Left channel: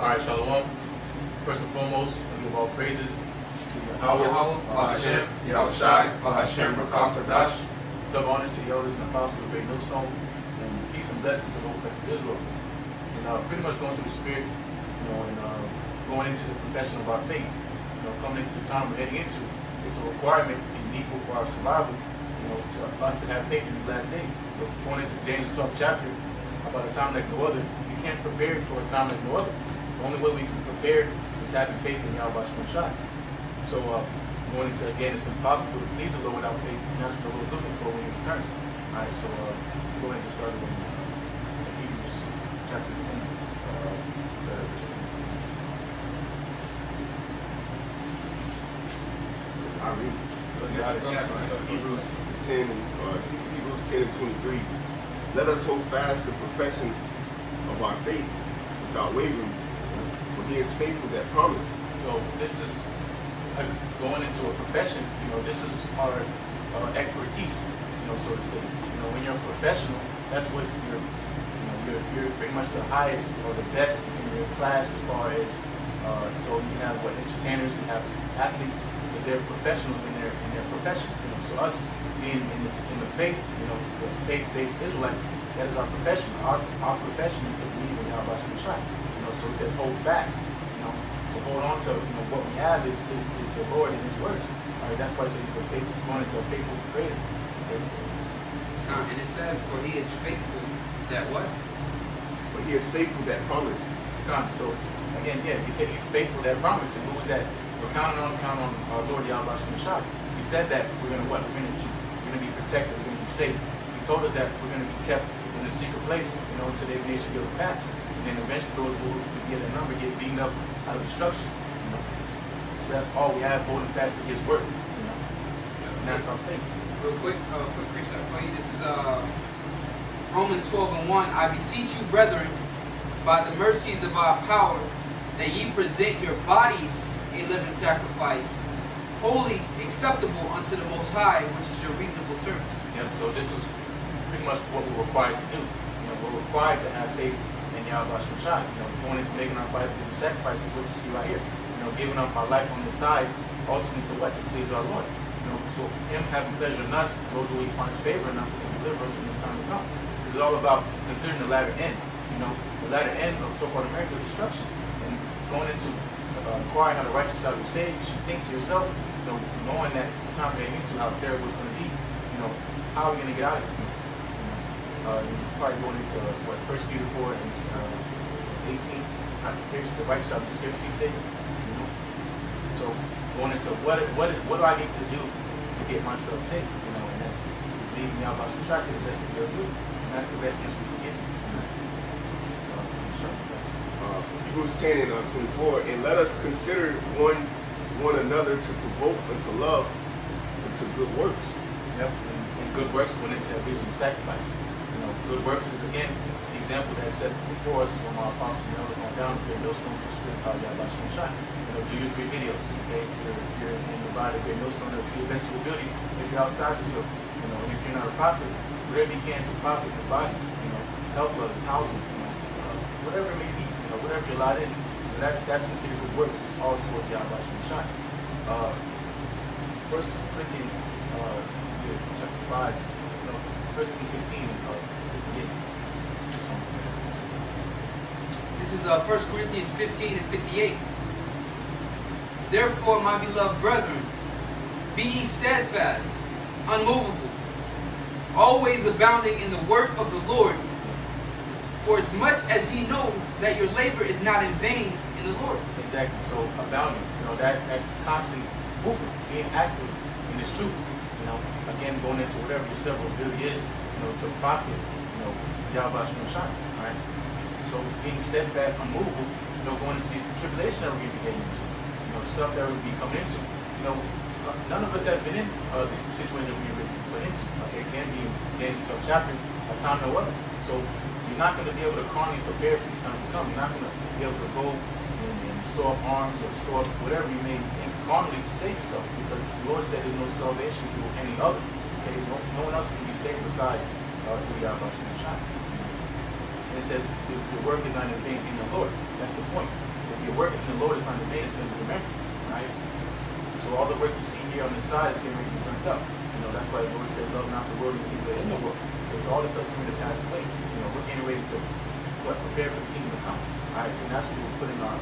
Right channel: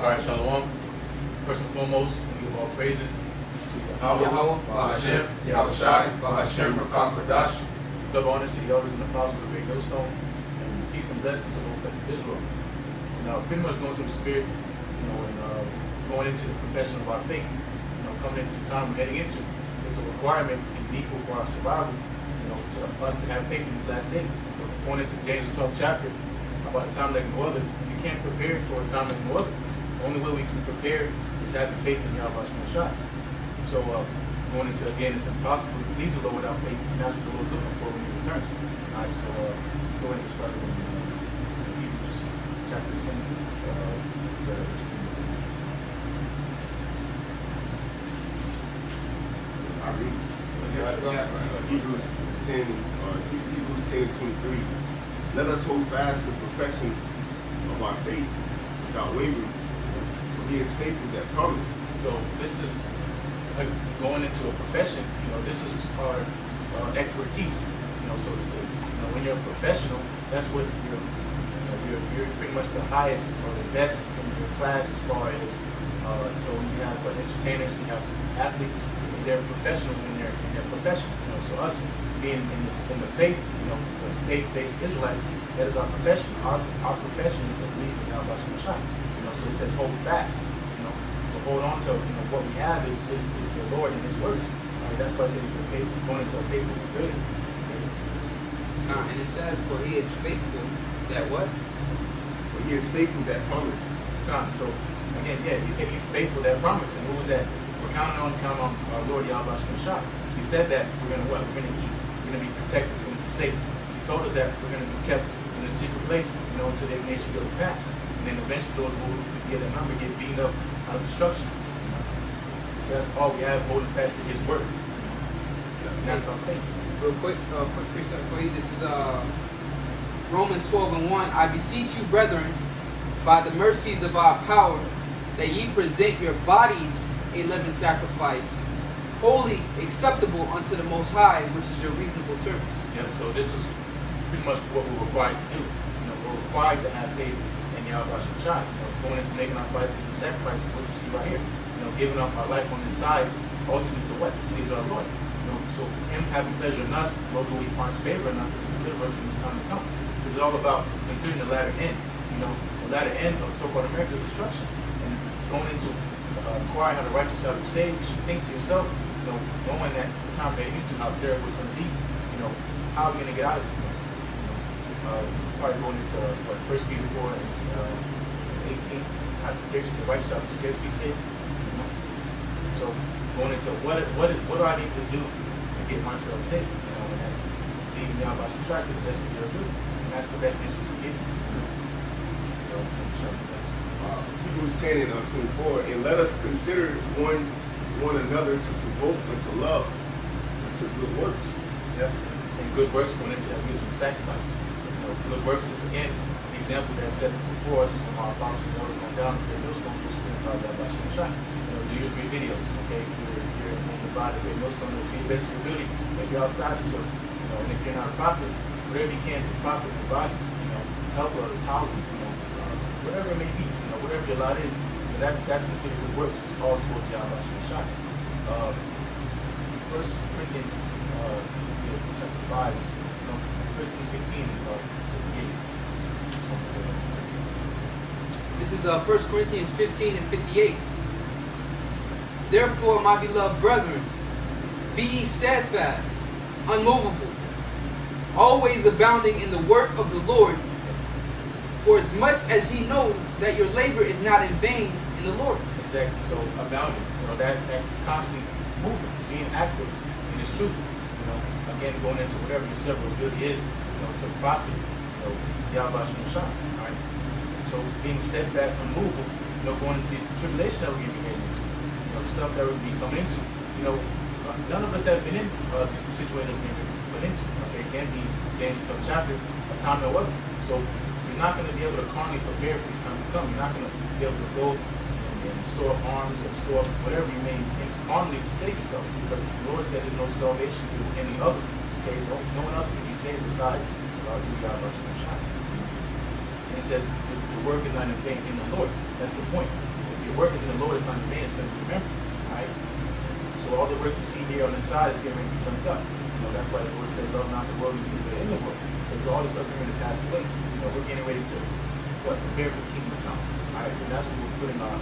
All right, Shalom. First and foremost, I give all praises to Yahweh, Bahashem, Yahushai, Bahashem, Rakah Kodash. Double honors to the elders and apostles of Great Millstone, and peace and blessings to both of Israel. And pretty much going through the spirit, and going into the confession of our faith, coming into the time we're heading into. It's a requirement and needful for our survival, to us to have faith in these last days. So going into James 12th chapter, about a time like no other, you can't prepare for a time like no other. The only way we can prepare is having faith in Yahweh Shai. So going into, again, it's impossible to please the Lord without faith, and that's what the Lord's looking for when he returns. All right, so go ahead and start in Hebrews chapter 10. I read Hebrews 10 and 23. Let us hold fast the profession of our faith without wavering, for he is faithful that promised. So this is going into a profession. This is our expertise. So to say. When you're a professional, that's what you're pretty much the highest or the best in your class as far as. So you have entertainers, you have athletes, and they're professionals in their profession. So us being in the faith, the faith-based Israelites, that is our profession. Our profession is to believe in Yahweh Shai. So it says hold fast. To hold on to what we have is the Lord and His words. All right, that's why I say it's going into a faithful creator. Okay? And it says, for he is faithful that what? For he is faithful that promised. So again, he said He's faithful that promise. And who was that? We're counting on our Lord Yahweh Shai. He said that we're going to what? We're going to eat. We're going to be protected. We're going to be safe. He told us that we're going to be kept in a secret place, until the nation will pass. And then eventually those who get that number get beaten up out of destruction. So that's all we have, holding fast to His word. And that's our faith. Real quick precept for you. This is Romans 12:1. I beseech you, brethren, by the mercies of our power, that ye present your bodies a living sacrifice, holy, acceptable unto the Most High, which is your reasonable service. Yep. So this is pretty much what we're required to do. We're required to have faith in Yahweh Shai. Going into making our bodies living sacrifices, what you see right here. Giving up our life on this side, ultimately to what? To please our Lord. So Him having pleasure in us, those who He finds favor in us, and deliver us when it's time to come. This is all about considering the latter end. The latter end of so-called America's destruction. And going into inquiring how the righteous shall be saved, you should think to yourself, knowing that the time we're heading into, how terrible it's going to be, how are we going to get out of this mess? Probably going into 1 Peter 4 and 18, the righteous shall be scarcely saved. So going into what do I need to do to get myself safe? And that's leaving Yahweh Shai to the best of your ability. And that's the best news we can get. Hebrews 10 and 24. And let us consider one another to provoke unto love and to good works. Yep. And good works going into that wisdom sacrifice. Good works is again the example that's set before us from our apostles and elders on down. Great Millstone, which is called Yahweh Shai. Do your great videos, okay? If you're in the body, Great Millstone, to your best of your ability. If you're outside the circle, and if you're not a prophet, whatever you can to profit the body, help others, housing, whatever it may be, whatever your lot is, that's considered good works. It's all towards Yahweh Shai. 1 Corinthians chapter 5, 1 Corinthians 15, 58. This is 1 Corinthians 15 and 58. Therefore, my beloved brethren, be ye steadfast, unmovable, always abounding in the work of the Lord, for as much as ye know that your labor is not in vain in the Lord. Exactly. So abounding, that's constantly moving, being active in this truth. Again, going into whatever your several ability is, to profit, Yahweh Shai. All right. So being steadfast, unmovable, going into these tribulations that we're going to be getting into. The stuff that we'll be coming into. None of us have been in these situations that we're being put into. Okay, again, being James 12th chapter, a time no other. So you're not going to be able to calmly prepare for this time to come. You're not going to be able to go and store up arms or store up whatever you may think calmly to save yourself, because the Lord said there's no salvation through any other. Okay, no one else can be saved besides through Yahweh Shai. And it says the work is not in vain in the Lord. That's the point. If your work is in the Lord, it's not in vain, it's going to be remembered. Right? So all the work you see here on the side is going to be burnt up. That's why the Lord said, love not the world and things that are in the world. Because all the stuff's going to pass away. We're getting ready to prepare for the kingdom to come. Right? And that's what we're putting our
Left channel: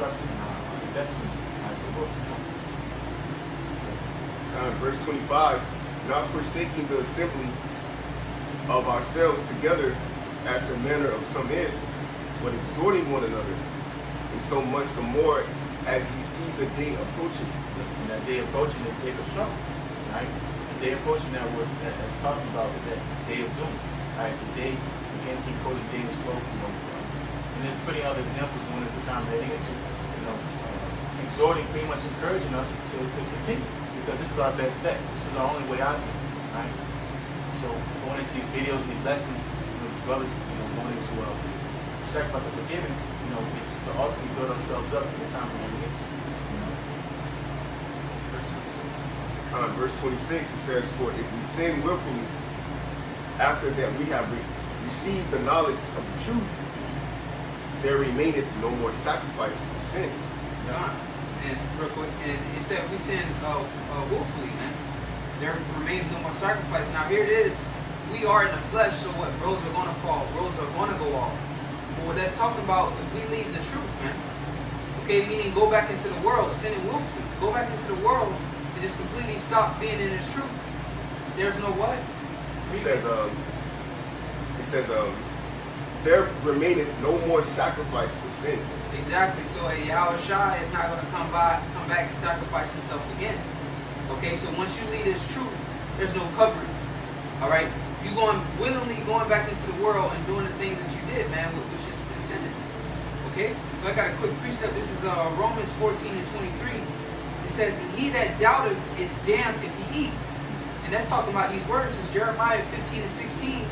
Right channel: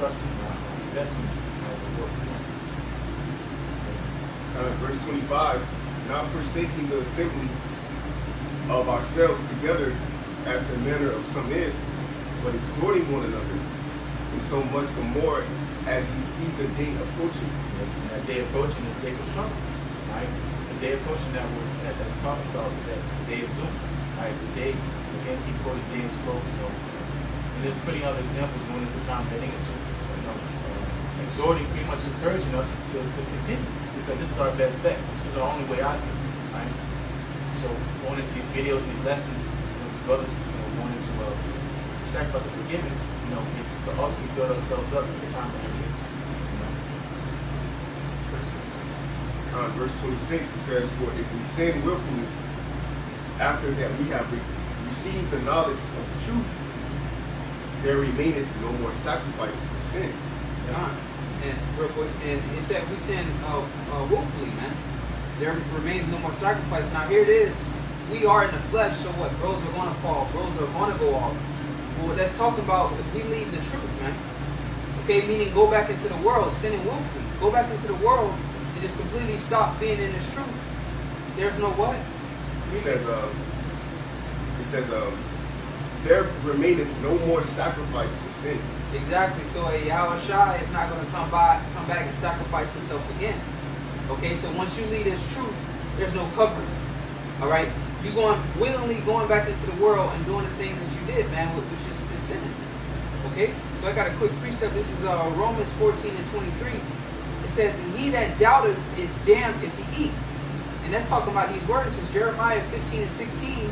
trust and our investment in the world to come. Verse 25, not forsaking the assembly of ourselves together as the manner of some is, but exhorting one another, and so much the more as ye see the day approaching. And that day approaching is day of trouble. Right? The day approaching that's talked about is that day of doom. Right? The day, again, keep quoting day is close. And there's plenty other examples going at the time heading into, exhorting, pretty much encouraging us to continue. Because this is our best bet. This is our only way out. Right? So going into these videos, these lessons, with brothers, going into sacrifice of forgiving, it's to ultimately build ourselves up for the time we're heading into. Verse 26, it says, for if we sin willfully, after that we have received the knowledge of the truth, there remaineth no more sacrifice for sins. And real quick, and it said we sin willfully, man. There remains no more sacrifice. Now here it is. We are in the flesh, so what? Roads are going to fall. Roads are going to go off. Well, let's talk about if we leave the truth, man. Okay, meaning go back into the world, sinning willfully. Go back into the world and just completely stop being in this truth. There's no what? It says, there remaineth no more sacrifice for sins. Exactly. So a Yahushua is not going to come back and sacrifice himself again. Okay, so once you leave this truth, there's no covering. All right, you willingly going back into the world and doing the things that you did, man, which is sinning. Okay, so I got a quick precept. This is Romans 14:23. It says, "And he that doubteth is damned if he eat." And that's talking about these words. It's Jeremiah 15:16.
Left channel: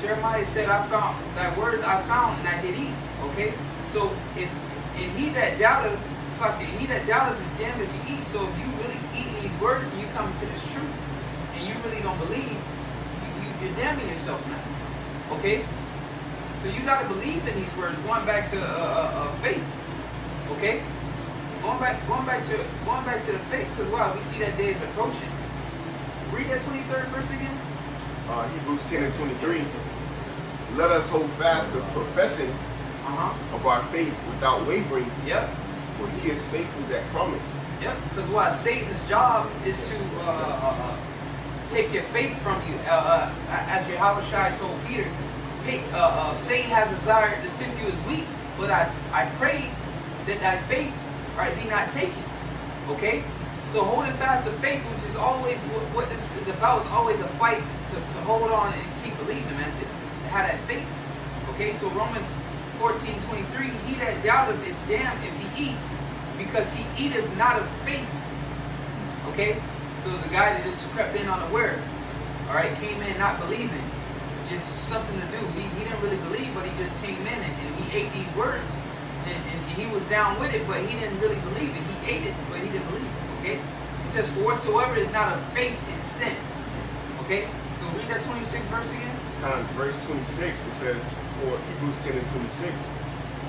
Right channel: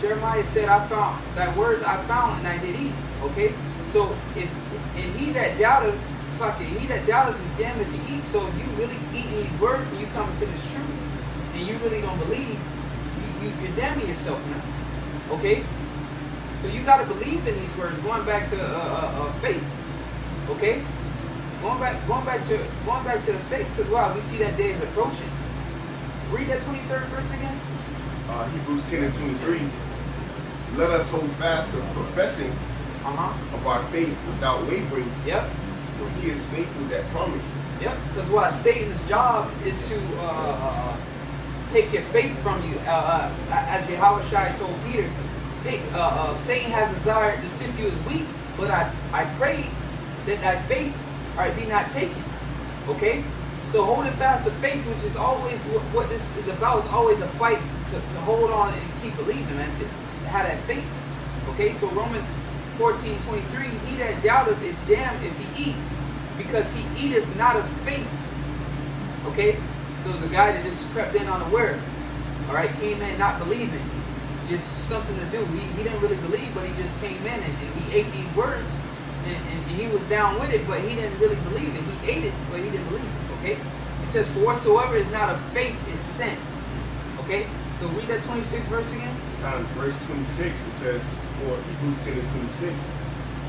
Jeremiah said, "I found thy words I found and I did eat." Okay, so and he that doubteth, it's like he that doubteth is damned if he eat. So if you really eat these words and you come into this truth and you really don't believe, you're damning yourself now. Okay, so you got to believe in these words. Going back to faith. Okay, going back to the faith, because wow, we see that day is approaching. Read that 23rd verse again. Hebrews 10:23. Let us hold fast the profession of our faith without wavering. Yep. For he is faithful that promised. Yep. Because what Satan's job is to take your faith from you. As Yahushua told Peter, hey, Satan has desired to sift you as wheat, but I pray that thy faith be not taken. Okay? So holding fast the faith, which is always what this is about, is always a fight to hold on and keep believing, man, to have that faith. Okay, so Romans 14:23, he that doubteth is damned if he eat, because he eateth not of faith. Okay, so the guy that just crept in unaware, all right, came in not believing, just something to do. He didn't really believe, but he just came in and he ate these words, and he was down with it, but he didn't really believe it. He ate it, but he didn't believe it. Okay, it says, "For whatsoever is not of faith is sin." Okay, so read that 26th verse again. Verse 26, it says, for Hebrews 10:26,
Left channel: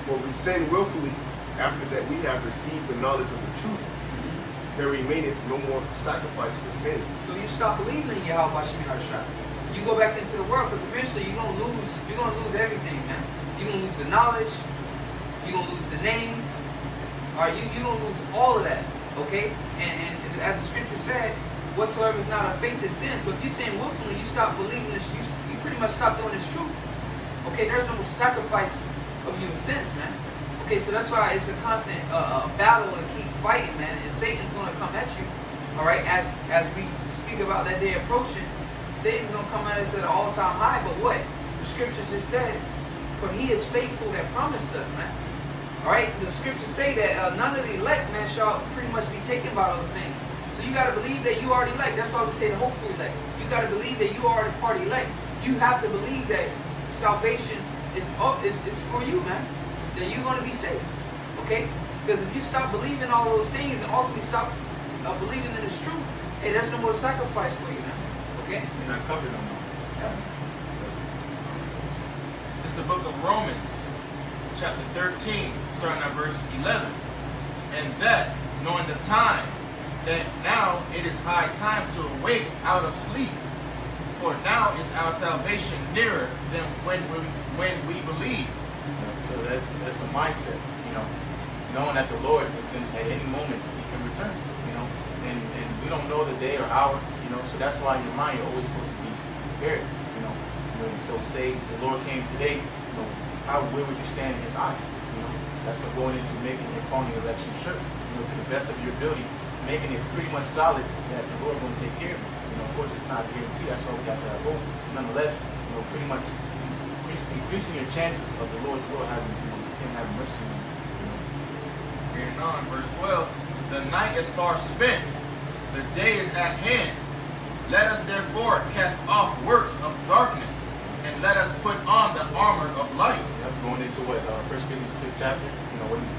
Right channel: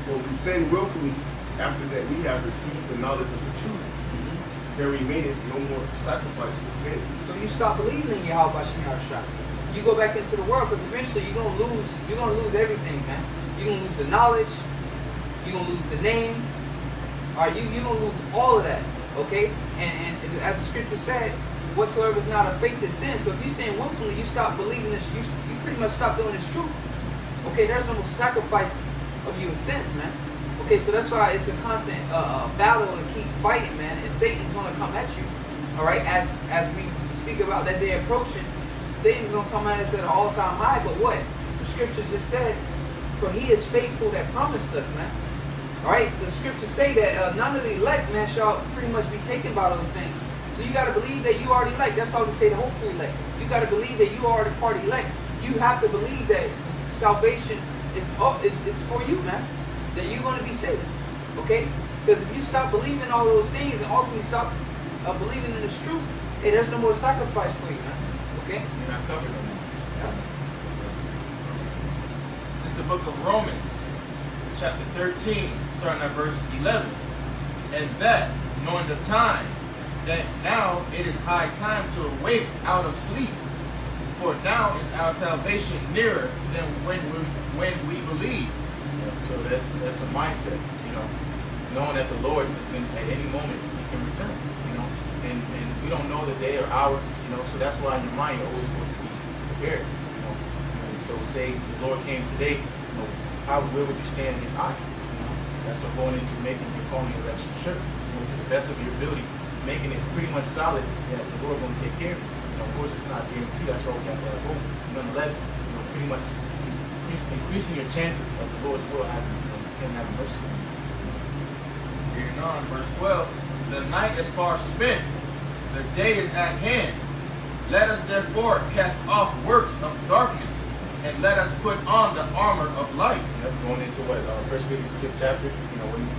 for we sin willfully after that we have received the knowledge of the truth. There remaineth no more sacrifice for sins. So you stop believing in Yahweh Shemiyah. You go back into the world, because eventually you're gonna lose everything, man. You're gonna lose the knowledge, you're gonna lose the name, you're gonna lose all of that. Okay? And as the scripture said, whatsoever is not of faith is sin. So if you're saying willfully, you stop believing this, you pretty much stop doing this truth. Okay, there's no more sacrifice of your sins, man. Okay, so that's why it's a constant battle to keep fighting, man. And Satan's gonna come at you. Alright, as we speak about that day approaching, Satan's gonna come at us at an all-time high, but what? The scripture just said, for he is faithful that promised us, man. Alright, the scriptures say that none of the elect, man, shall pretty much be taken by those things. So you got to believe that you are the elect. That's why we say the hopeful elect. You got to believe that you are the part elect. You have to believe that salvation is for you, man. That you're going to be saved. Okay? Because if you stop believing all those things and ultimately stop believing in this truth, hey, there's no more sacrifice for you, man. Okay? You're not covered no more. Yeah. This It's the book of Romans, chapter 13, starting at verse 11. And that, knowing the time, that now it is high time to awake out of sleep. For now is our salvation nearer than when we believe. So that's a mindset, knowing that the Lord is going to, at any moment, He can return, and we don't know the day or hour, so that's why in your mind you're always supposed to be prepared, So say the Lord came today, where would you stand in His eyes? That's going into making your calling election sure, to the best of your ability, making it pretty much solid that the Lord going to take care of you. Of course, it's not guaranteed. That's why we have to have hope. Nonetheless, pretty much increasing your chances of the Lord's will having, Him having mercy on you. Reading on, verse 12. The night is far spent, the day is at hand. Let us therefore cast off works of darkness, and let us put on the armor of light. Yep, going into what 1 Corinthians 5th chapter.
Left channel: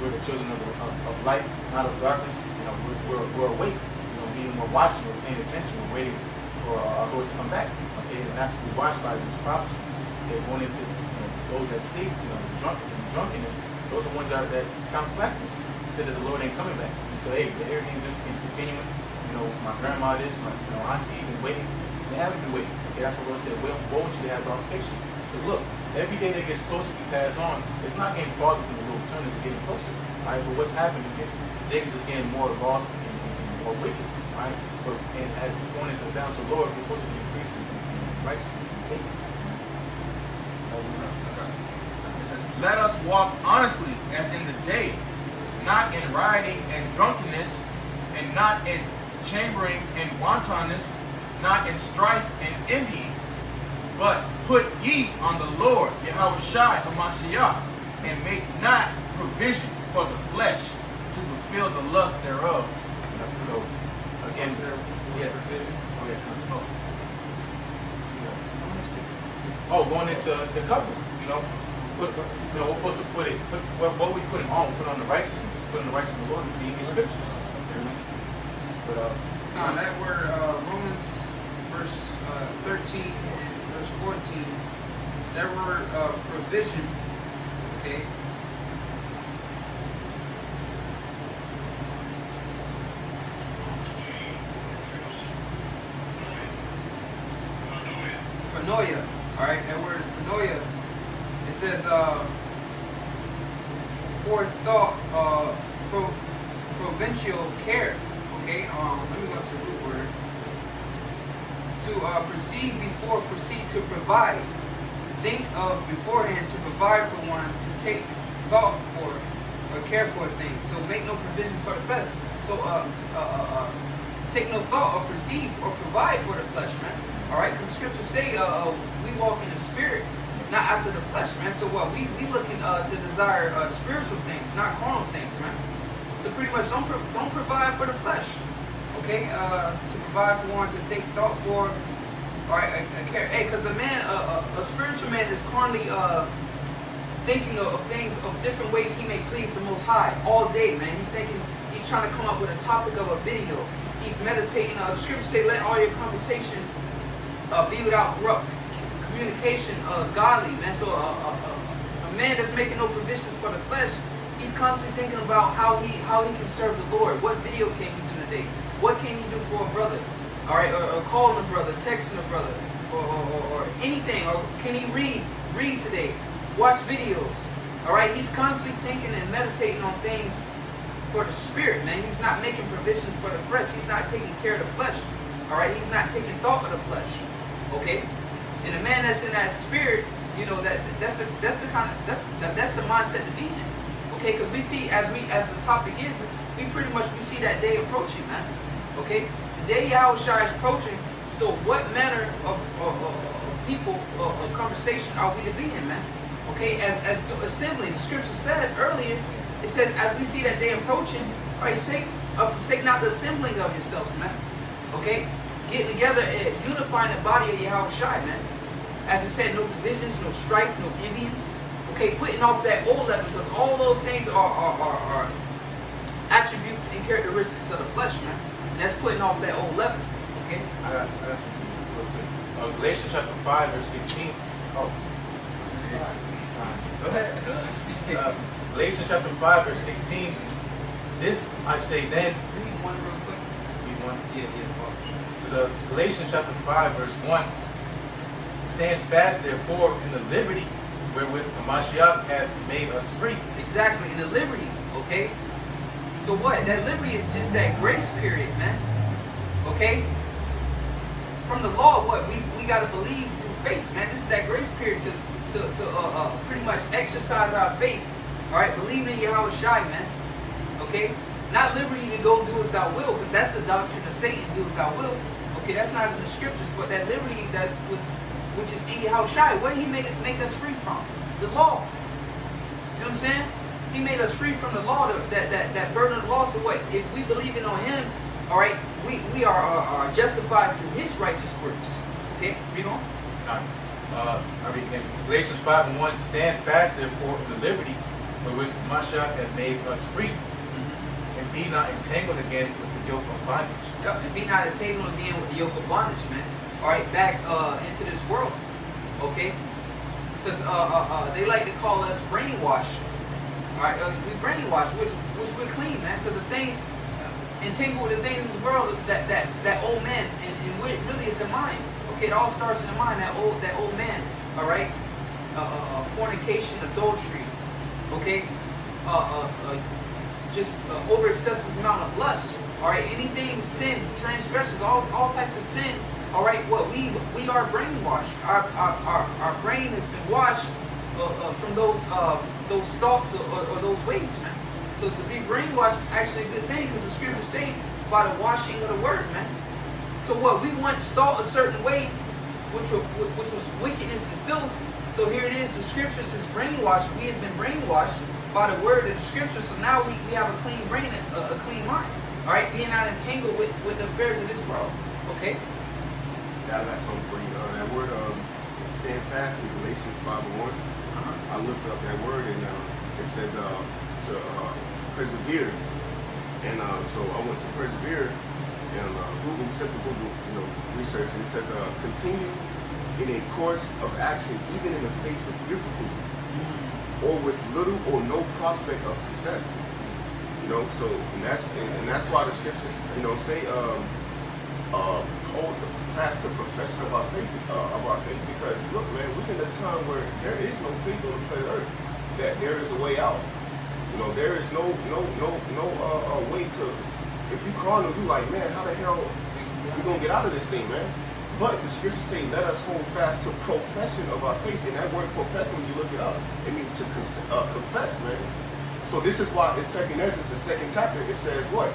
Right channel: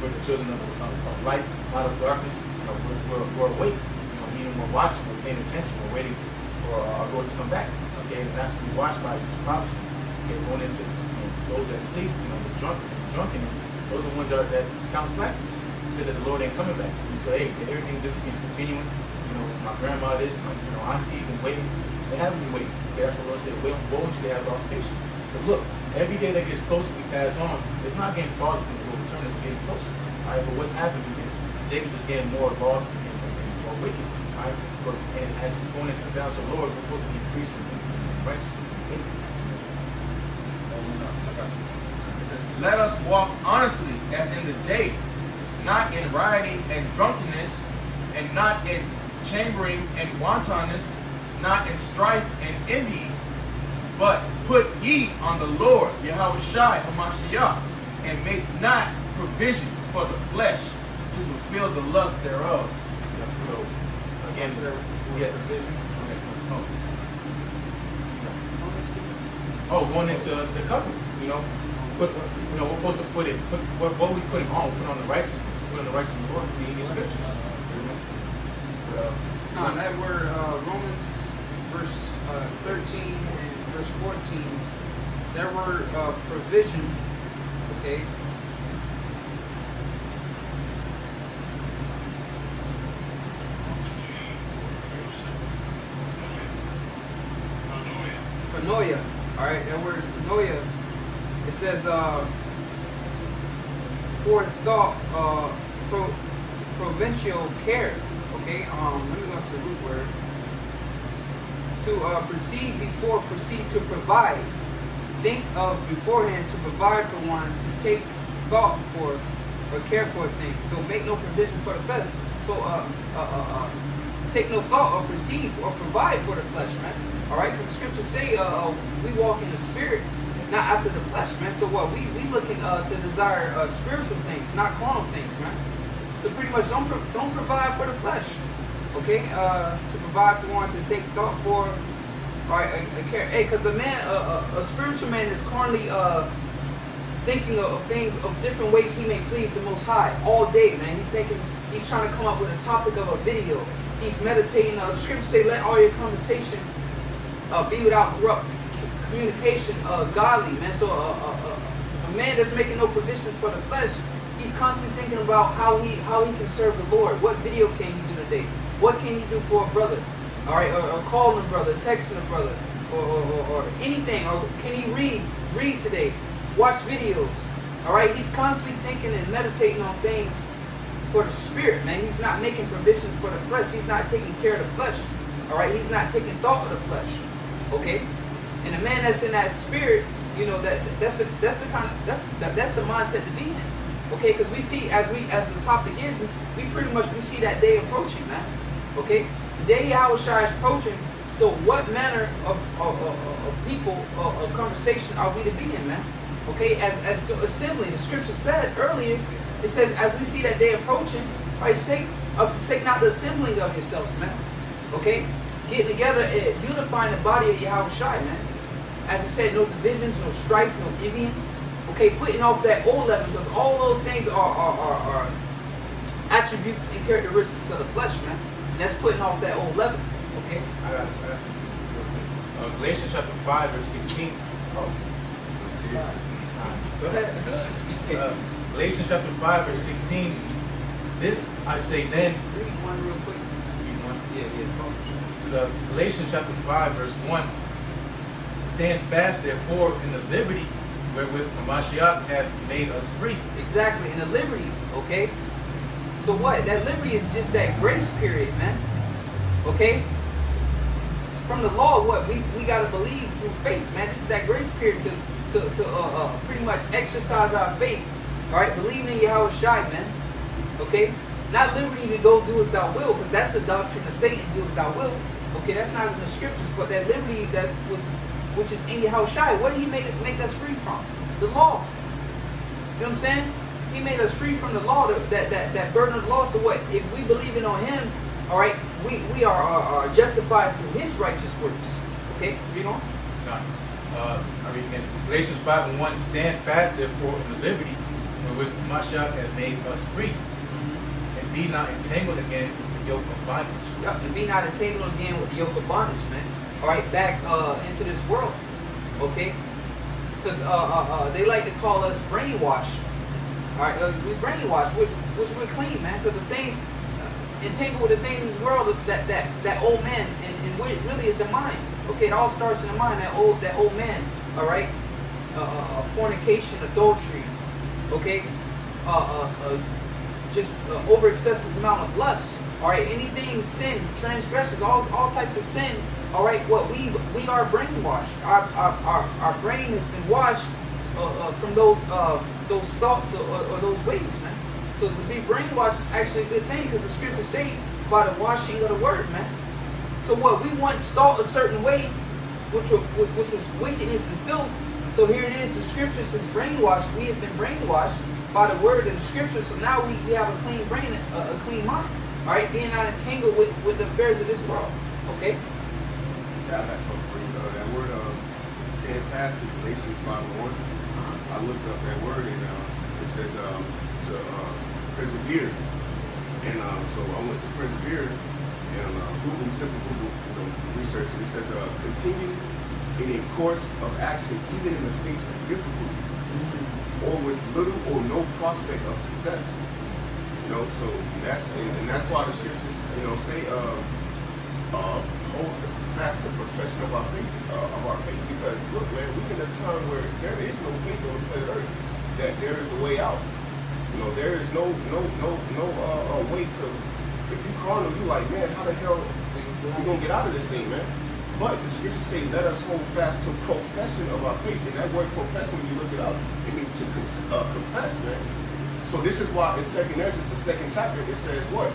We're the children of light, not of darkness. We're awake. Meaning we're watching, we're paying attention, we're waiting for our Lord to come back. Okay, and that's what we watch by these prophecies. Okay, going into those that sleep, the drunkenness, those are the ones that count slackness. Say that the Lord ain't coming back. You say, hey, everything's just been continuing. My grandma this, my auntie been waiting. They haven't been waiting. Okay, that's what the Lord said. What would you have lost patience? Because look, every day that gets closer we pass on, it's not getting farther from the Lord return, it's getting closer. All right, but what's happening is Jacob's is getting more lost and more wicked. All right, but and as it's going into the balance of the Lord, we're supposed to be increasing in righteousness and faith. I got some more. It says, let us walk honestly as in the day, not in rioting and drunkenness, and not in chambering and wantonness, not in strife and envying, but put ye on the Lord, Yahushua HaMashiach, and make not provision for the flesh to fulfill the lust thereof. So, again, going into the covenant, we're supposed to put what we put on the righteousness, put on the righteousness of the Lord, reading the scriptures, But that word, Romans, verse 13 and verse 14, that word provision, okay? Paranoia, all right, that word paranoia, it says forethought, provincial care, okay, let me go to the root word, to proceed before, proceed to provide, think of beforehand to provide for one, to take thought for or care for things, so make no provision for the flesh, so take no thought or perceive or provide for the flesh, man. All right, because the scriptures say we walk in the spirit, not after the flesh, man. So what we looking to desire spiritual things, not carnal things, man. So pretty much don't provide for the flesh, okay? To provide for one, to take thought for, all right, a care. Hey, because a man, a spiritual man is carnally thinking of things, of different ways he may please the Most High all day, man. He's trying to come up with a topic of a video. He's meditating. The scriptures say, let all your conversation be without corrupt communication, godly, man. So a man that's making no provisions for the flesh, he's constantly thinking about how he can serve the Lord. What video can he do today? What can he do for a brother? All right, or calling a brother, texting a brother, or anything. Or can he read today? Watch videos. All right, he's constantly thinking and meditating on things for the spirit, man. He's not making provisions for the flesh. He's not taking care of the flesh. All right, he's not taking thought of the flesh. Okay, and a man that's in that spirit, that's the mindset to be in. Okay, because we see as the topic is, we pretty much see that day approaching, man. Okay, the day Yahushua is approaching. So what manner of people, of conversation are we to be in, man? Okay, as the assembly, the scripture said earlier, it says as we see that day approaching, right, forsake not the assembling of yourselves, man. Okay, getting together, unifying the body of Yahushua, man. As it said, no divisions, no strife, no envyings. Okay, putting off that old leaven, because all those things are attributes and characteristics of the flesh, man. And that's putting off that old leaven. Okay. I got some real quick. Galatians chapter 5, verse 16. Go ahead. Galatians chapter 5, verse 16. This I say then. Read one real quick. You want? Yeah. So Galatians chapter 5, verse 1. Stand fast, therefore, in the liberty wherewith Hamashiach hath made us free. Exactly, in the liberty, okay? So what? That liberty is just that grace period, man. Okay? From the law, what? We got to believe through faith, man. This is that grace period to pretty much exercise our faith. All right? Believe in Yahweh Shai, man. Okay? Not liberty to go do as thou will, because that's the doctrine of Satan, do as thou will. Okay, that's not in the scriptures, but that liberty which is in Yahweh Shai, what did he make us free from? The law. You know what I'm saying? He made us free from the law, that burden of the law. So what? If we believe in on him, all right, we are justified through his righteous works. Okay, read on. I read in Galatians 5 and 1. Stand fast, therefore, in the liberty wherewith Hamashiach hath made us free. And be not entangled again with the yoke of bondage. Yep, and be not entangled again with the yoke of bondage, man. All right, back into this world, okay? Because they like to call us brainwashed. All right, we brainwashed, which we're clean, man. Because the things entangled with the things in this world, that old man, and what it really is the mind. Okay, it all starts in the mind. That old man. All right, fornication, adultery. Okay, just over excessive amount of lust. All right, anything sin, transgressions, all types of sin. All right, what we are brainwashed. Our brain has been washed from those thoughts or those ways, man. So to be brainwashed is actually a good thing, because the scriptures say by the washing of the word, man. So what we once thought a certain way, which was wickedness and filth. So here it is. The scripture says brainwashed. We have been brainwashed by the word of the scripture. So now we have a clean brain, a clean mind. All right, being not entangled with the affairs of this world. Okay. Yeah, I got something for you. That word, stand fast in Galatians 5:1. I looked up that word and it says to persevere. And so I went to persevere and Google, simple Google, research, and it says continue in a course of action, even in the face of difficulty, or with little or no prospect of success. So that's why the scriptures, say hold fast to profession of our faith, because look, man, we're in a time where there is no faith on the planet Earth. That there is a way out. There is no way to. If you carnal, you like, man, how the hell we gonna get out of this thing, man? But the scriptures say, let us hold fast to profession of our faith. And that word profession, when you look it up, it means to confess, man. So this is why in 2nd Ezra, the 2nd chapter, it says what?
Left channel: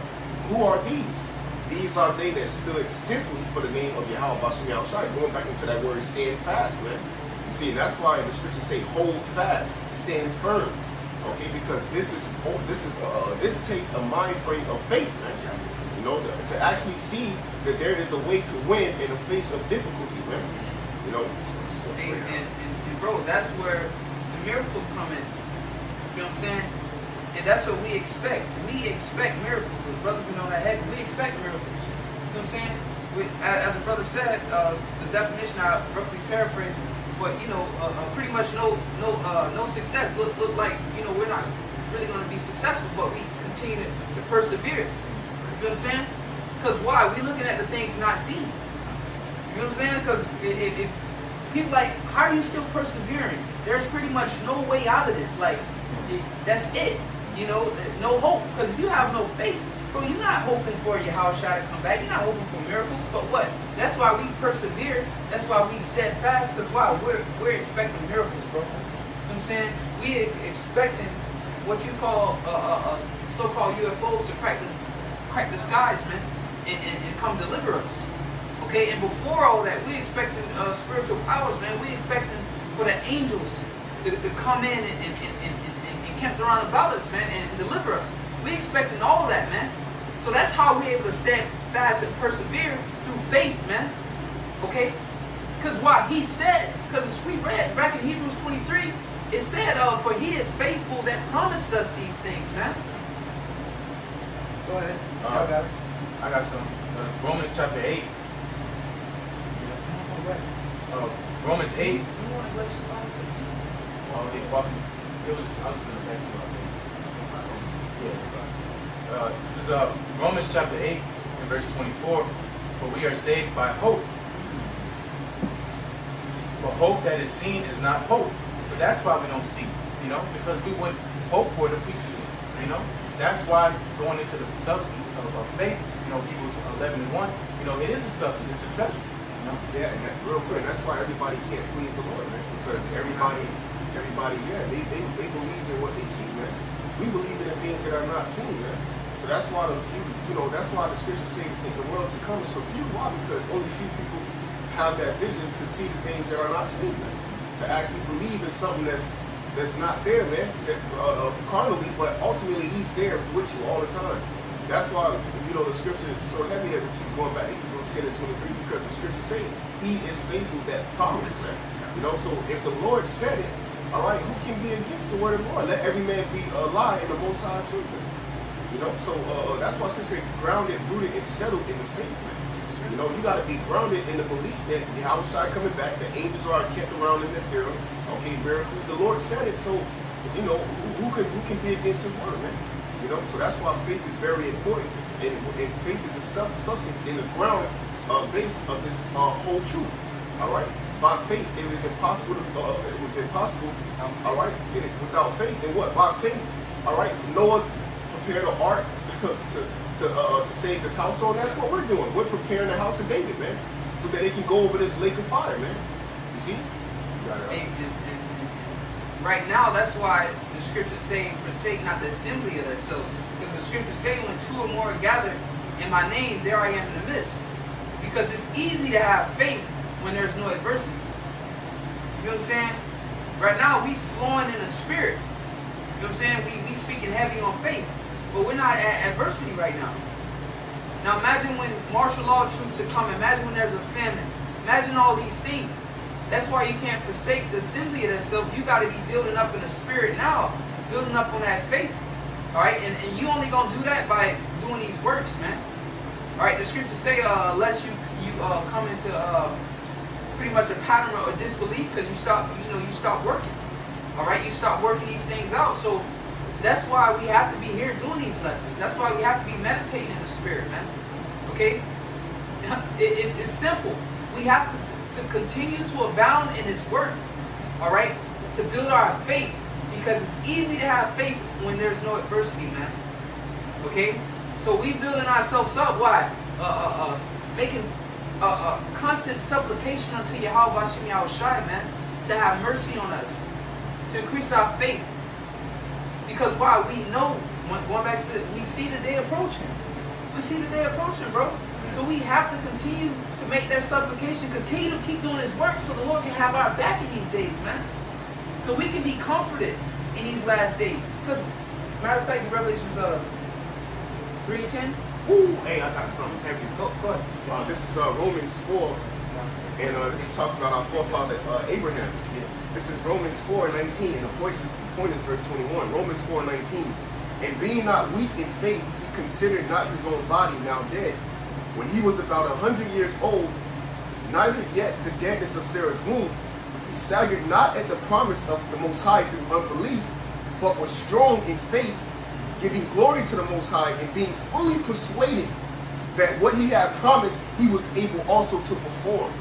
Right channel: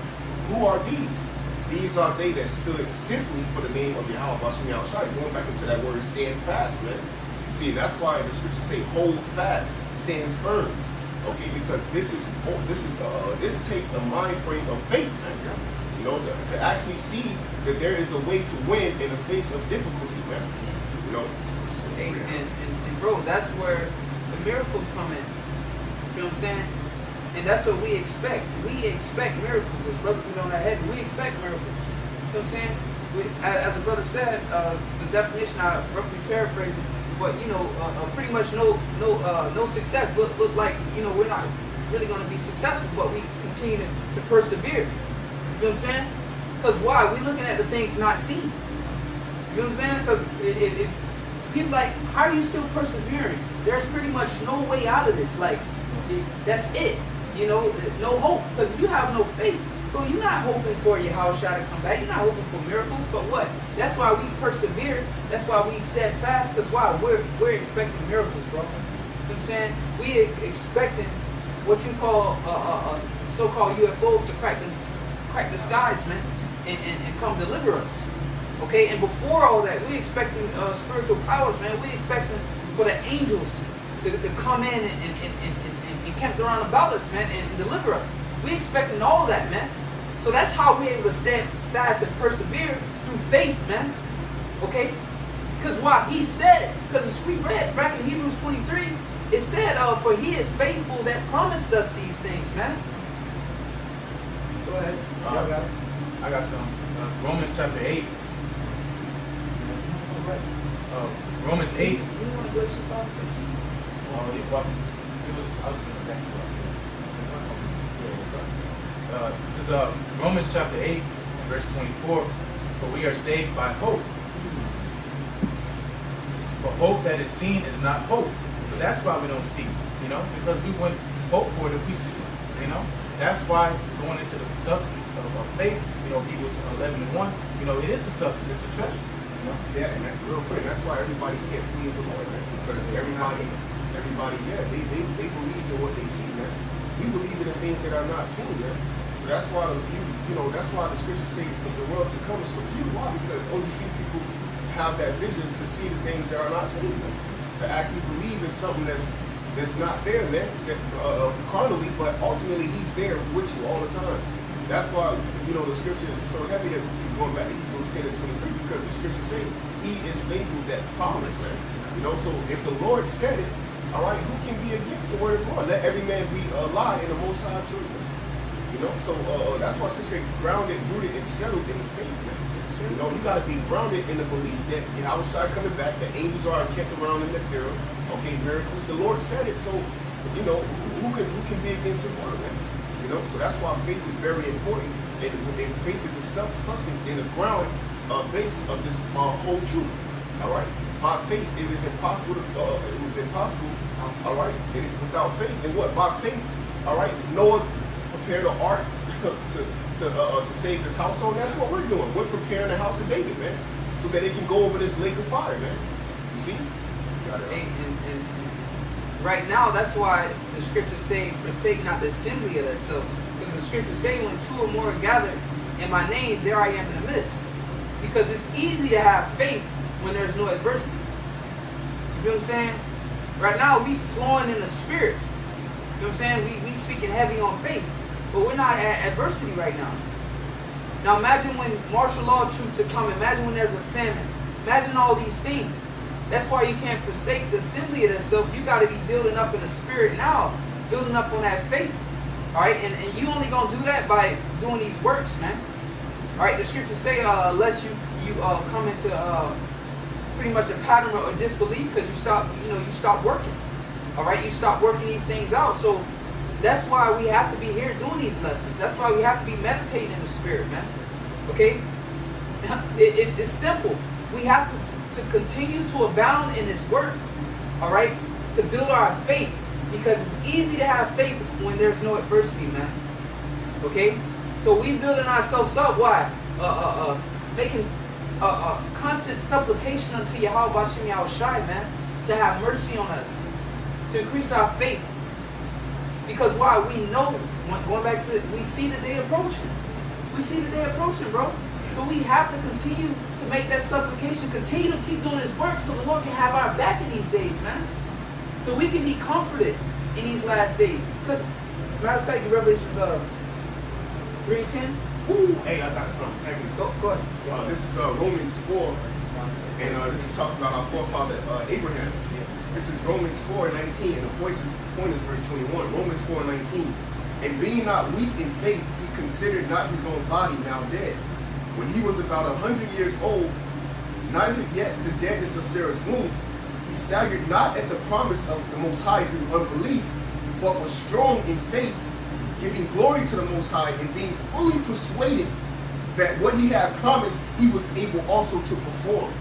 Who are these? These are they that stood stiffly for the name of Yahweh Bashem Yahushai. Going back into that word, stand fast, man. You see, that's why the scriptures say, hold fast, stand firm. Okay, because this takes a mind frame of faith, man. To actually see that there is a way to win in the face of difficulty, man. And bro, that's where the miracles come in. You know what I'm saying? And that's what we expect. We expect miracles. As brother put on that head, we expect miracles. You know what I'm saying? As a brother said, the definition, I roughly paraphrase, but pretty much no success. Look like we're not really going to be successful, but we continue to persevere. You know what I'm saying? Because why? We looking at the things not seen. You know what I'm saying? Because if people like, how are you still persevering? There's pretty much no way out of this. Like, that's it. No hope. Because if you have no faith, bro, you're not hoping for Yahweh Shai to come back. You're not hoping for miracles. But what? That's why we persevere. That's why we steadfast. Because why? We're expecting miracles, bro. You know what I'm saying? We expecting what you call so-called UFOs to crack the skies, man, and come deliver us. Okay, and before all that, we expecting spiritual powers, man. We expecting for the angels to come in and camp around about us, man, and deliver us. We expecting all of that, man. So that's how we're able to stand fast and persevere through faith, man. Okay? Because why? He said, because we read back in Hebrews 23, it said, for he is faithful that promised us these things, man. Go ahead. Y'all got it. I got some. Romans chapter 8. Romans 8. You want to go to 16? Yeah, well, it was. I was gonna back you up. Yeah. This is Romans chapter 8 and verse 24. For we are saved by hope. But hope that is seen is not hope. So that's why we don't see, because we wouldn't hope for it if we see it, That's why going into the substance of faith, Hebrews 11:1, it is a substance, it's a treasure, Yeah, and that real quick, that's why everybody can't please the Lord, man. Because everybody, yeah, they believe in what they see, man. We believe in the things that are not seen, man. So that's why that's why the scriptures say that the world to come is for few. Why? Because only few people have that vision to see the things that are not seen, man. To actually believe in something that's not there, man. That carnally, but ultimately He's there with you all the time. That's why the scripture is so heavy that we keep going back to Hebrews 10 and 23, because the scripture say He is faithful that promised, man. So if the Lord said it, all right, who can be against the word of the Lord? Let every man be a lie in the Most High truth, man. So that's why scripture say grounded, rooted, and settled in the faith, man. You got to be grounded in the belief that the outside coming back, the angels are kept around in the fear. Okay, miracles. The Lord said it, so who can be against His word, man? So that's why faith is very important, and faith is a substance in the ground base of this whole truth. All right, by faith it is impossible. It was impossible. All right, without faith, and what? By faith, all right. Noah prepared an ark to save his household, and that's what we're doing. We're preparing the house of David, man, so that it can go over this lake of fire, man. You see? You got it, right? And right now, that's why the scriptures say, forsake not the assembly of themselves. Because the scriptures say, when two or more are gathered in my name, there I am in the midst. Because it's easy to have faith when there's no adversity. You feel what I'm saying? Right now, we flowing in the spirit. You know what I'm saying? We speaking heavy on faith. But we're not at adversity right now. Now imagine when martial law troops are coming. Imagine when there's a famine. Imagine all these things. That's why you can't forsake the assembly of itself. You got to be building up in the spirit now. Building up on that faith. Alright? And you only going to do that by doing these works, man. Alright? The scriptures say unless you come into pretty much a pattern of disbelief because you stop working. Alright? You stop working these things out. So that's why we have to be here doing these lessons. That's why we have to be meditating in the spirit, man. Okay? It's simple. We have to continue to abound in this work. Alright? To build our faith. Because it's easy to have faith when there's no adversity, man. Okay? So we building ourselves up. Why? Making constant supplication unto Yahweh Bashem Yahushai, man. To have mercy on us. To increase our faith. Because why? We know, going back to this, we see the day approaching. We see the day approaching, bro. So we have to continue to make that supplication, continue to keep doing His work so the Lord can have our back in these days, man. So we can be comforted in these last days. Because, matter of fact, Revelations 3:10. Ooh, hey, I got something heavy. Go ahead. This is Romans 4, and this is talking about our forefather Abraham. This is Romans 4:19, and the point is verse 21. Romans 4:19. And being not weak in faith, he considered not his own body now dead, when he was about 100 years old, neither yet the deadness of Sarah's womb. He staggered not at the promise of the Most High through unbelief, but was strong in faith, giving glory to the Most High, and being fully persuaded that what he had promised, he was able also to perform.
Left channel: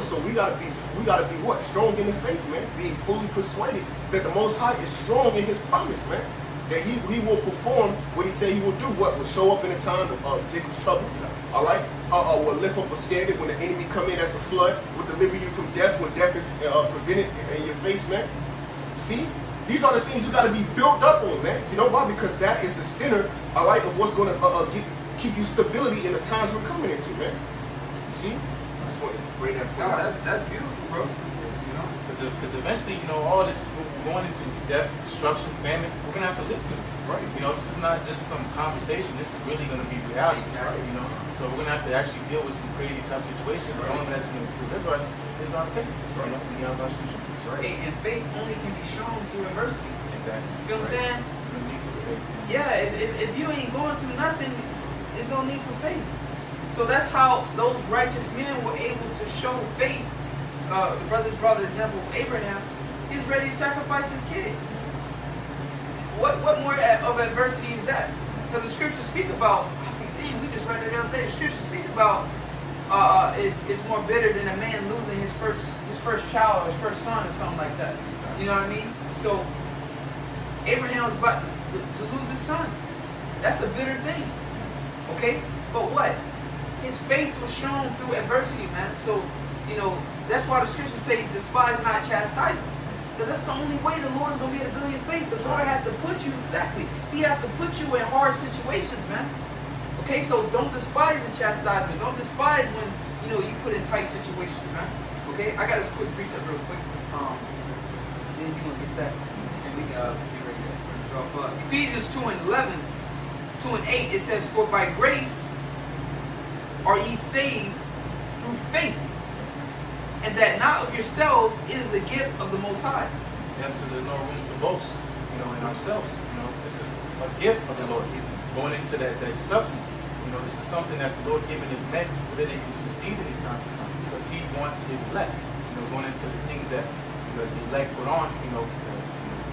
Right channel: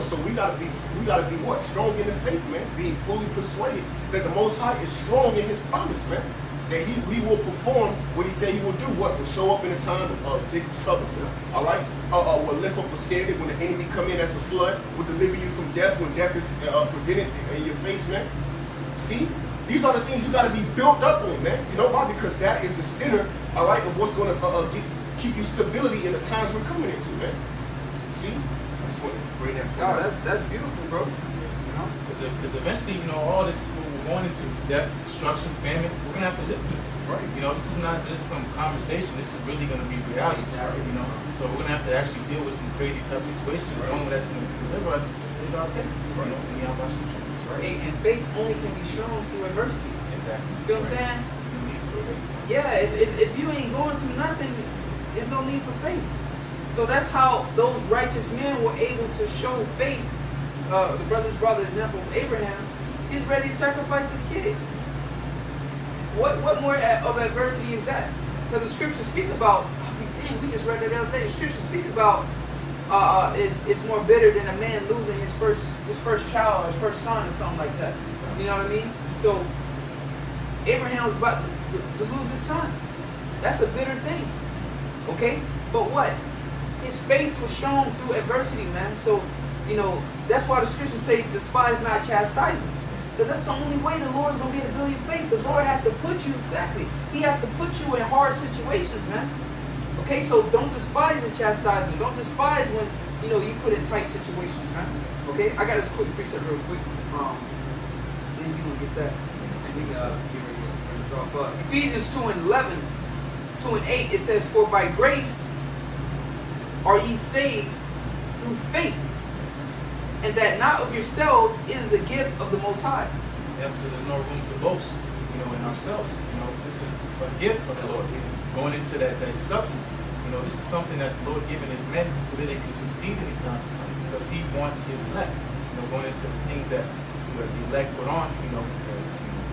So we gotta be what? Strong in the faith, man. Being fully persuaded that the Most High is strong in His promise, man. That he will perform what He said He will do. What will show up in a time of Jacob's trouble. All right. Will lift up a standard when the enemy come in as a flood. Will deliver you from death when death is prevented in your face, man. See, these are the things you got to be built up on, man. You know why? Because that is the center, all right, of what's going to keep you stability in the times we're coming into, man. You see? That's beautiful, bro. Because eventually, all this, we're going into death, destruction, famine, we're going to have to live through this. Right. This is not just some conversation. This is really going to be reality. Right. So we're going to have to actually deal with some crazy tough situations. Right. The only way that's going to deliver us is our faith. Right. That's right. And faith only can be shown through adversity. Exactly. You know what I'm saying? Yeah, if you ain't going through nothing, there's no need for faith. So that's how those righteous men were able to show faith. The brother's brother example of Abraham, He's ready to sacrifice his kid. What more of adversity is that? Because the scriptures speak about, damn, we just read that the other day. The scriptures speak about it's more bitter than a man losing his first child or his first son or something like that. You know what I mean? So Abraham was about to lose his son. That's a bitter thing. Okay? But what? His faith was shown through adversity, man. So, you know, that's why the scriptures say, despise not chastisement. Because that's the only way the Lord's going to be able to build your faith. The Lord has to put you, exactly. He has to put you in hard situations, man. Okay, so don't despise the chastisement. Don't despise when, you know, you put in tight situations, man. Okay, I got this quick precept real quick. Then you going to get that. And we get ready to drop up. Ephesians 2:11, 2 and 8, it says, for by grace are ye saved through faith, and that not of yourselves, it is a gift of the Most High. Yep, so there's no room to boast, you know, in ourselves. You know, this is a gift of the Lord. Going into that substance, you know, this is something that the Lord given his men so that they can succeed in his time to come, because he wants his elect. You know, going into the things that the elect put on, you know,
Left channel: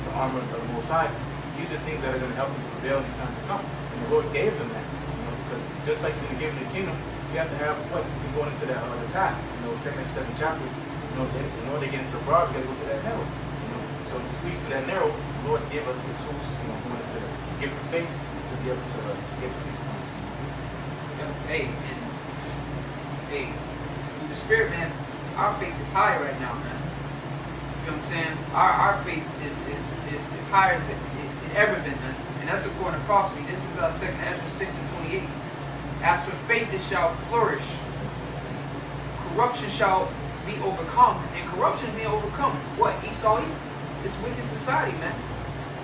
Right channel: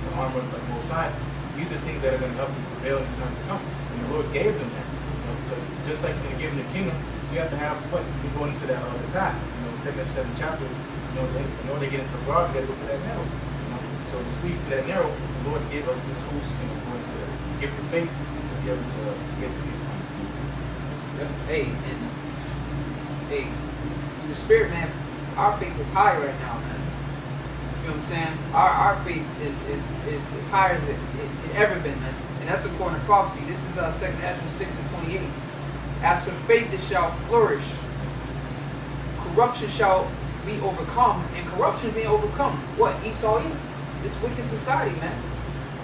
the armor of the Most High. These are things that are going to help them prevail in his time to come. And the Lord gave them that, you know, because just like he's going to give them the kingdom, you have to have what? You're going into that the path. You know, 2nd and 7th chapter, you know, in order to get into the broad, you got to go through that narrow. You know, so to squeeze through that narrow, the Lord gave us some tools, you know, going to give the faith to be able to get through these times. Hey, in the spirit, man, our faith is high right now, man. You know what I'm saying? Our faith is higher as it ever been, man. And that's according to prophecy. This is 2nd Ezra 6 and 28. As for faith, it shall flourish. Corruption shall be overcome. And corruption being overcome. What? Esau? It's wicked society, man.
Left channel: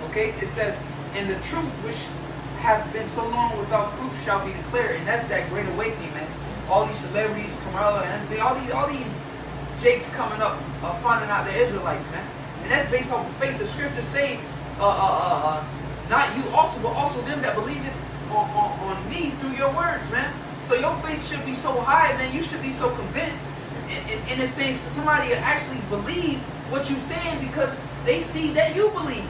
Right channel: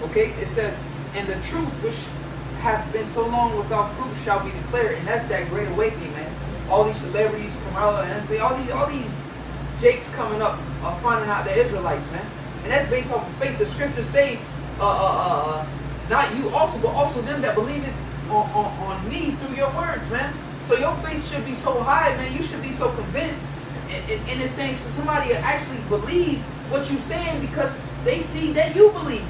Okay? It says, and the truth which have been so long without fruit shall be declared. And that's that great awakening, man. All these celebrities, Kamala, and all these Jakes coming up, finding out they're Israelites, man. And that's based off of faith. The scriptures say, not you also, but also them that believe it on me through your words, man. So your faith should be so high, man. You should be so convinced in this thing, so somebody will actually believe what you're saying because they see that you believe.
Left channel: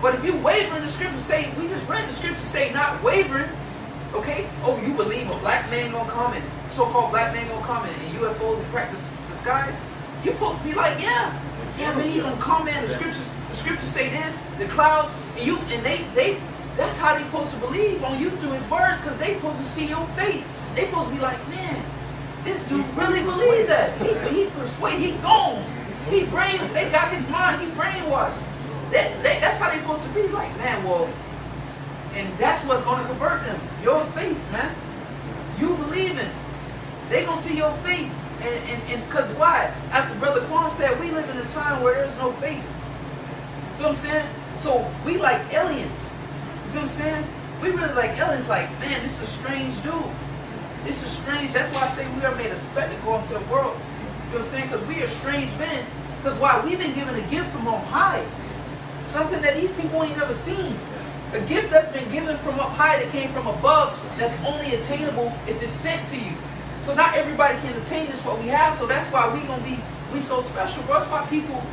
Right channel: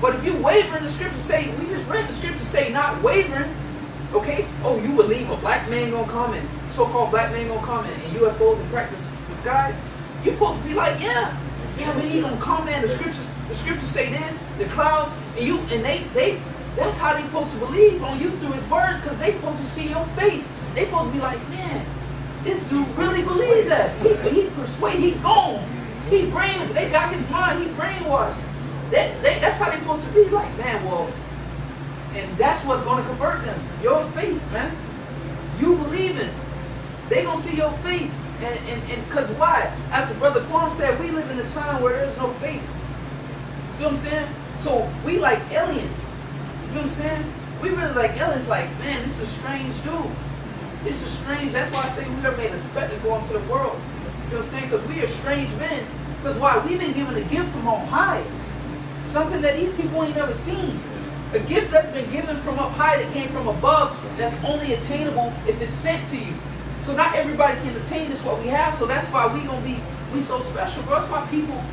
But if you waver in the scripture, say, we just read the scripture say not wavering, okay? Oh, you believe a black man gonna come and so-called black man gonna come and UFOs and practice the skies? You're supposed to be like, yeah, man, he gonna come, man. The scriptures say this, the clouds, and they that's how they supposed to believe on you through his words, because they supposed to see your faith. They supposed to be like, man, this dude really believed that. He persuaded, he gone. They got his mind, he brainwashed. That's how they supposed to be like, man, well, and that's what's going to convert them. Your faith, man. You believing. They going to see your faith. And because why? As Brother Quam said, we live in a time where there's no faith. You know what I'm saying? So we like aliens. You know what I'm saying? We really like aliens, like, man, this is a strange dude. This is strange. That's why I say we are made a spectacle unto the world. You know what I'm saying? Because we are strange men. Because why? We've been given a gift from on high. Something that these people ain't never seen. A gift that's been given from up high that came from above, that's only attainable if it's sent to you. So not everybody can attain this what we have. So that's why we so special, bro. That's why people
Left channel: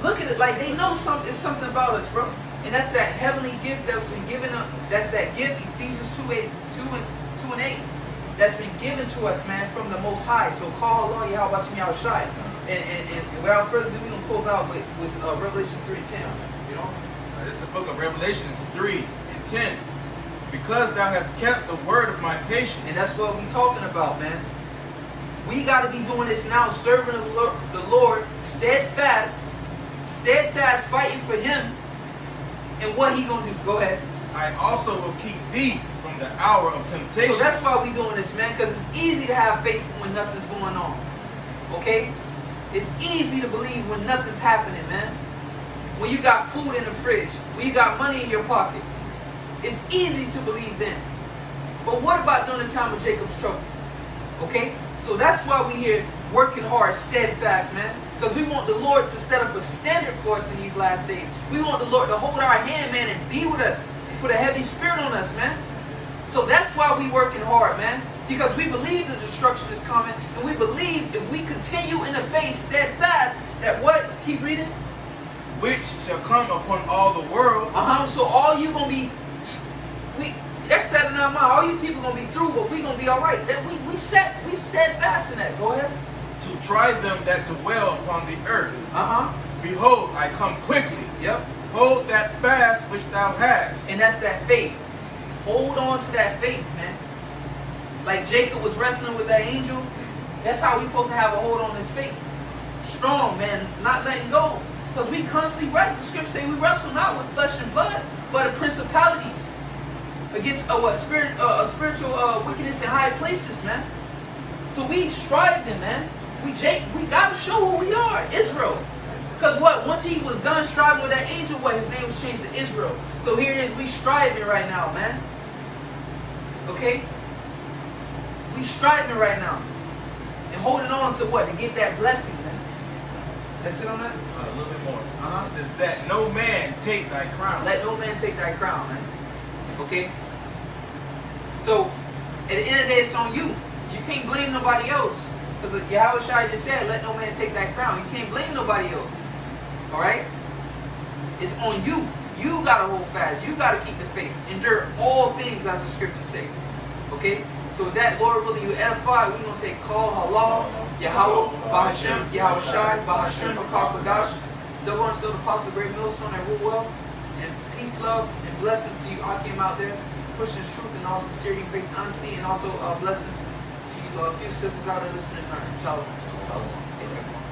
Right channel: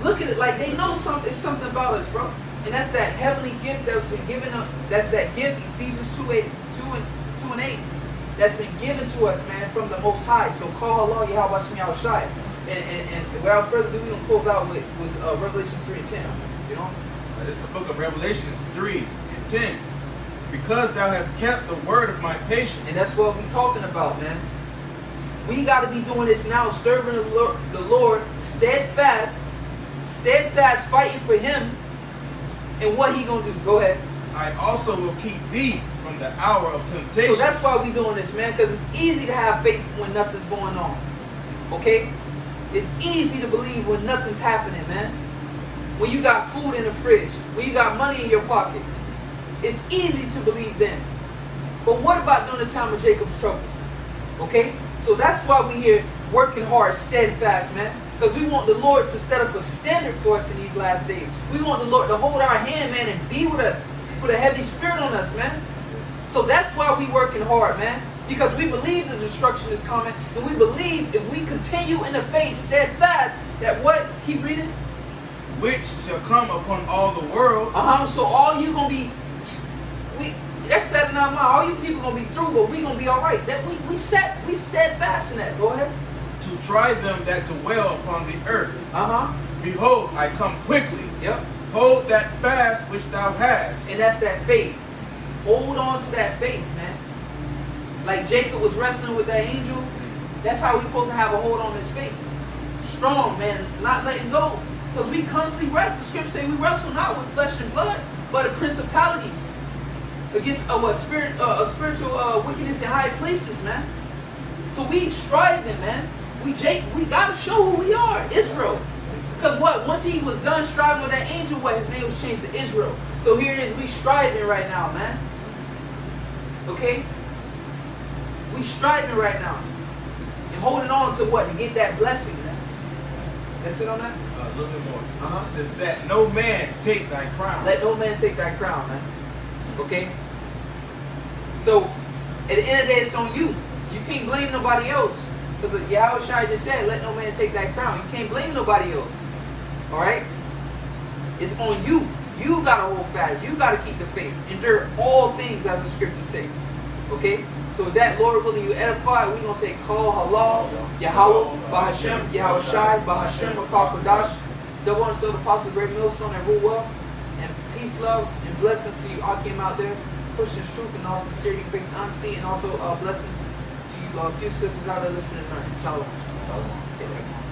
look at it like they know something about us, bro. And that's that heavenly gift that's been given up. That's that gift, Ephesians 2 and 8. That's been given to us, man, from the Most High. So call Allah Yahweh Shem Yahushai. And without further ado, we're going to close out with Revelation 3 and 10. You know? It's the book of Revelations 3 and 10. Because thou hast kept the word of my patience. And that's what we're talking about, man. We got to be doing this now, serving the Lord, steadfast, fighting for him. And what he going to do? Go ahead. I also will keep thee from the hour of temptation. So that's why we doing this, man, because it's easy to have faith when nothing's going on. Okay? It's easy to believe when nothing's happening, man. When you got food in the fridge, when you got money in your pocket, it's easy to believe then. But what about during the time of Jacob's trouble? Okay? So that's why we here working hard, steadfast, man. Because we want the Lord to set up a standard for us in these last days. We want the Lord to hold our hand, man, and be with us. Put a heavy spirit on us, man. So that's why we working hard, man. Because we believe the destruction is coming, and we believe if we continue in the faith steadfast, that what? Keep reading. which shall come upon all the world, So all you gonna be, that's set in our mind. All you people gonna be through, but we gonna be all right. That we steadfast in that. Go ahead. to try them that dwell upon the earth. Behold, I come quickly. Yep. Hold that fast which thou hast. And that's that faith. Hold on to that faith, man. Like Jacob was wrestling with that angel. That's how we supposed to have a hold on this faith. Strong, man, not letting go. Because we constantly wrestle. The scripture say we wrestle not with flesh and blood, but the principalities against spiritual wickedness in high places, man. So we striving, man. We gotta show who we are, Israel. Because what? Once he was done striving with that angel, what? His name was changed to Israel. So here it is, we striving right now, man. Okay? We striving right now. And holding on to what? To get that blessing, man. That's it on that? A little bit more. Uh-huh. It says that no man take thy crown. Let no man take that crown, man. Okay? So, at the end of the day, it's on you. You can't blame nobody else. Because Yahweh Shai just said, let no man take that crown. You can't blame nobody else. Alright? It's on you. You gotta hold fast. You gotta keep the faith. Endure all things, as the scriptures say. Okay? So with that, Lord willing, you edify, we're going to say, Call Allah, Yahweh, Bahashem, Yahweh Shai, Bahashem, Bakar Kodash, double until the Apostle Great Millstone, and rule well. And peace, love, and blessings to you, Akim out there, pushing truth and all sincerity, faith, unseen, and also blessings to you, few sisters out there listening and learning. Shalom. Shalom.